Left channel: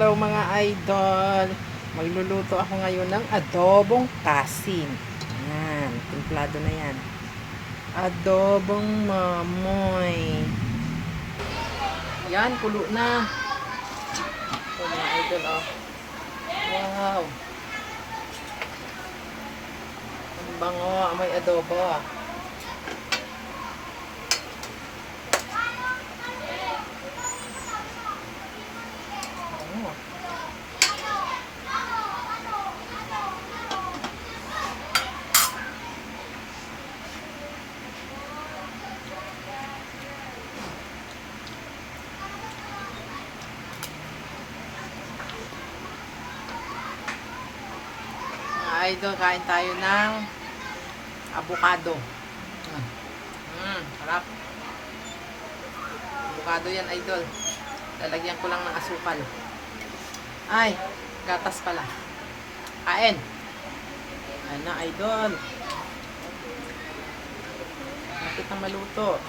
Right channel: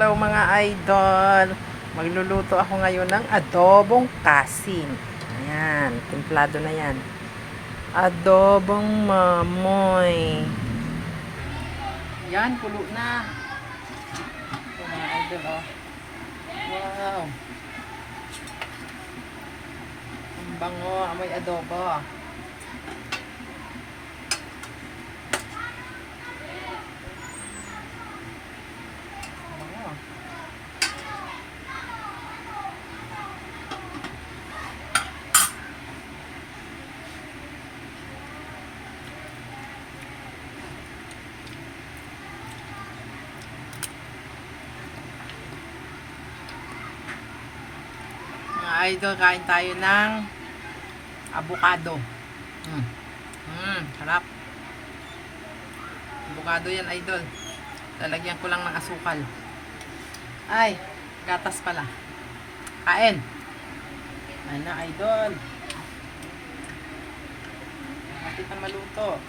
Hello mga idol. Magluluto ako ngayon ng adobong kasin. Ayan, timplado na yan. Adobong mamoy. Yan, kulo na. Ito mga idol, oh. Wow. Ang bango, amoy adobo. Idol, kain tayo ng avocado. Sarap. Avocado yan, idol. Lalagyan ko lang ng asukal. Ay, gatas pala. Kain. Ano, idol. Lapit na maluto.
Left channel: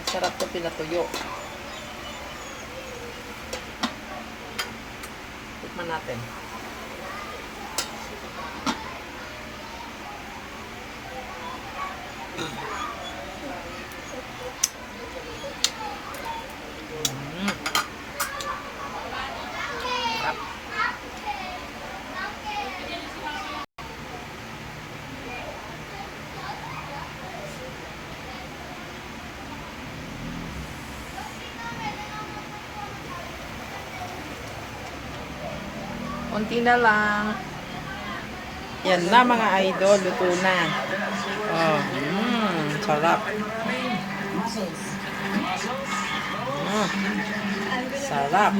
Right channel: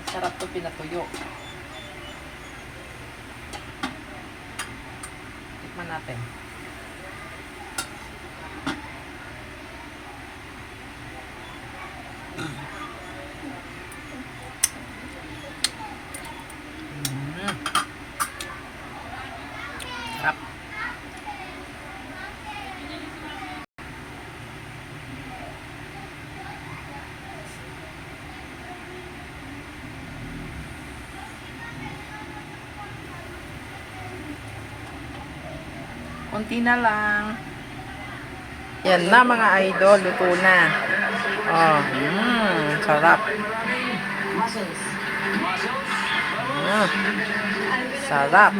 Masarap ito pinatuyo. Tikman natin. Sarap. Konti na lang. Yan na mga idol, luto na. Oh, sarap. Sarap.